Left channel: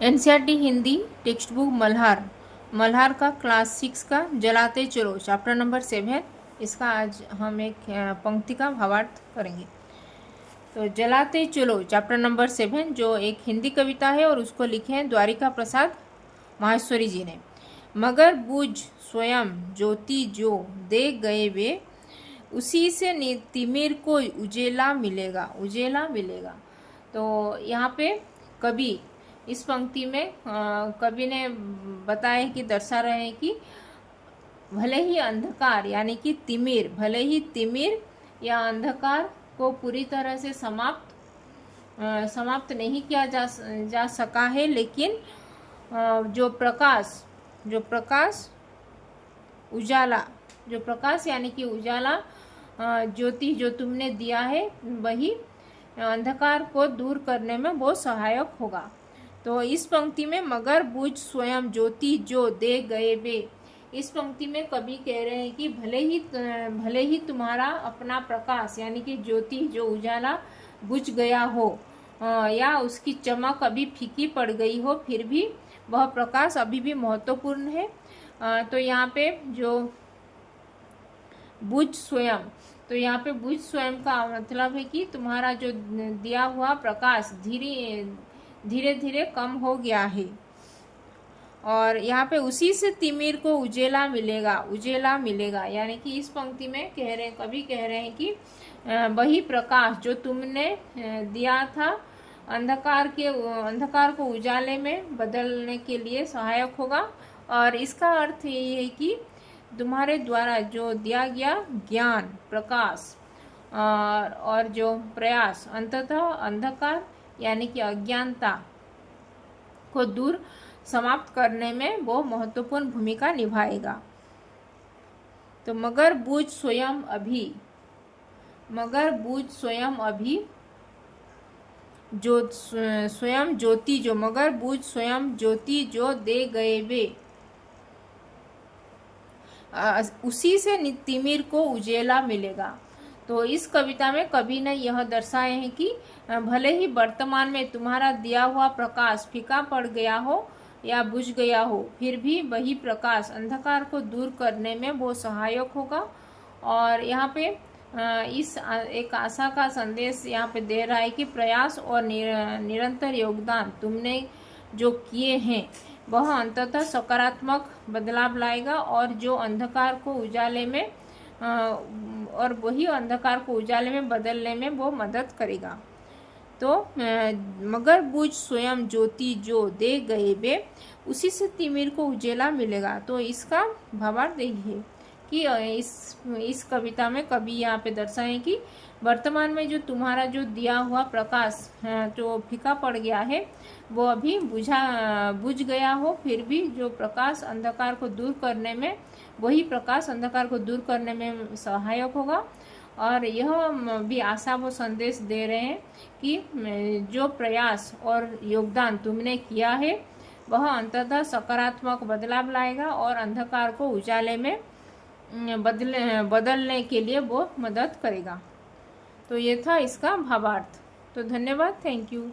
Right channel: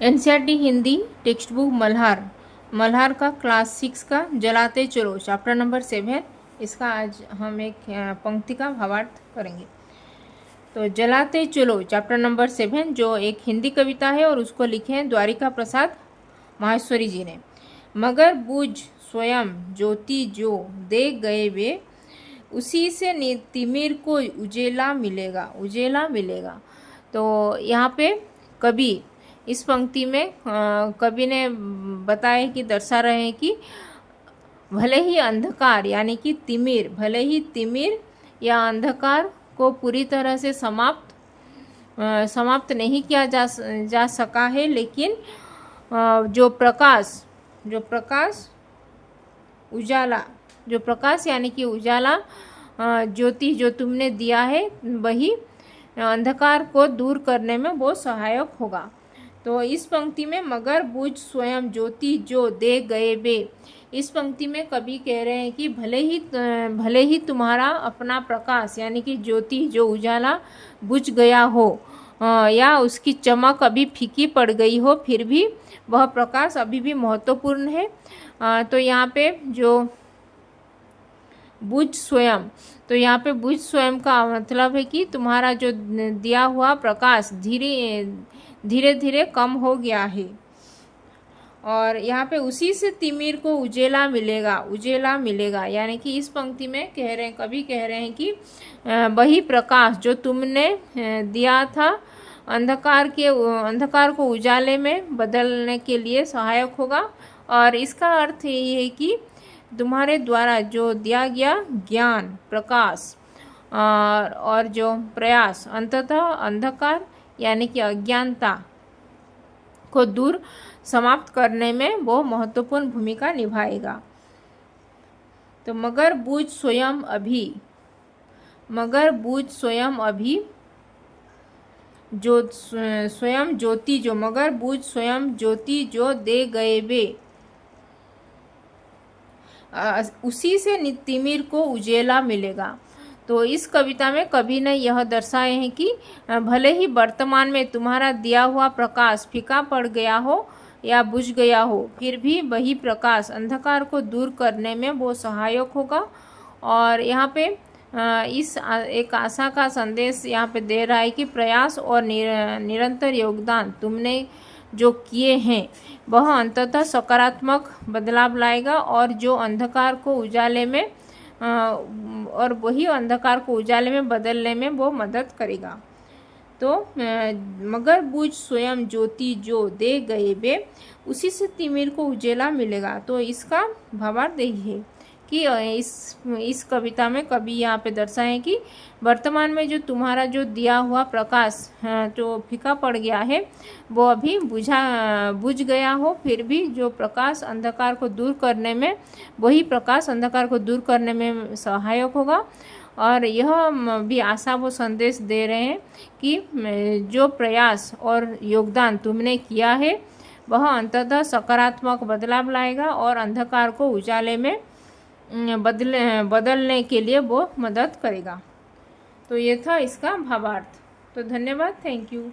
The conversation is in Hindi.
NCERT Hindi text book Malhar का क्लास 6 का जलाते चलो चैप्टर नंबर 7। इसका आज हम एक पंक्ति का भावार्थ करेंगे। तो जलाते चलो चैप्टर नंबर 7 जो एक हिंदी कविता है और उसको लिखे हैं द्वारिका प्रसाद माहेश्वरी जी ने। मगर बुझ स्वयं ज्योति जो दे गए वे, उसी से तिमिर को उजेला मिलेगा। तो यहाँ पे कवि इस पंक्ति में कवि ने बताया कि दर्शा रहे हैं कि भले ही अंधकार यानी कि तिमिर या अंधकार को पूरी तरह से समाप्त नहीं किया जा सका है, लेकिन जो प्रकाश यानी कि उजाला ज्योति जो तुमने दिया है, वही अंधकार को दूर करने में बहुत सहायक होगा। तो इस पंक्ति में मगर बुझ स्वयं ज्योति जो दे गए वे, इस पंक्ति में कवि कह रहे हैं कि भले ही तुम्हारा अपना प्रकाश यानी कि ज्योति जो उजाला बुझ गया हो या उसकी चमक अभी फीकी पड़ गई हो, फिर भी वह प्रकाश अभी भी महत्वपूर्ण है। तो यहाँ पे जो बुझ स्वयं, तो यहाँ पे बुझ स्वयं का मतलब है कि तुम्हारा जो दिया हुआ प्रकाश धीरे धीरे कम हो गया है। और यहाँ पे उसी से तिमिर को उजेला मिलेगा यानी कि इस पंक्ति में कवि कह रहे हैं कि वही प्रकाश जो तुमने दिया था अंधकार को उजाले में बदलने के लिए सहायक होगा। और इसका अर्थ ये है कि तुम्हारे द्वारा जो दिया गया ज्ञान, प्रकाश और जो प्रयास अंततः अंधकार यानी कि अज्ञानता को दूर समाप्त करने में वो महत्वपूर्ण भूमिका निभाएगा। तो मगर बुझ स्वयं अभी जो स्वयं ज्योति जो मगर बुझ स्वयं ज्योति जो दे गए वे, उसी से तिमिर को उजेला मिलेगा। तो इस कविता में कवि ने यह दर्शाए हैं कि भले ही वर्तमान में तुम्हारा दिया हुआ प्रकाश फीका पड़ गया हो या बुझ गया हो, फिर भी वही प्रकाश अंधकार को दूर करने में वो सहायक होगा। और यहाँ पे इस एक आशा का संदेश यहाँ पे दे रहा है कि प्रयास और निरंतर योगदान तुमने जो किए हैं वह अंततः सकारात्मक बदलाव लाएगा और जो अंधकार को उजाले में बदलने में वो मदद करेगा। तो मगर बुझ स्वयं ज्योति जो दे गए वे, उसी से तिमिर को उजेला मिलेगा। तो इसका भावार्थ यही है कि इस कविता में कवि यहाँ पे दर्शाए कि वर्तमान में जो तुम्हारा जो दिया हुआ प्रकाश जो फीका पड़ गया है वो अभी बुझ गया हो, फिर भी जो प्रकाश अंधकार को दूर करने में वही प्रकाश अंधकार को दूर करने में सहायक होगा। और यह भी आशा वो संदेश दे रहे हैं कि जो प्रयास और योगदान तुमने किया है वह अंततः सकारात्मक बदलाव लाएगा और अंधकार को उजाले में बदलने के लिए वो मदद करेगा। तो ये था इसका भावार्थ। तो धन्यवाद, थैंक यू।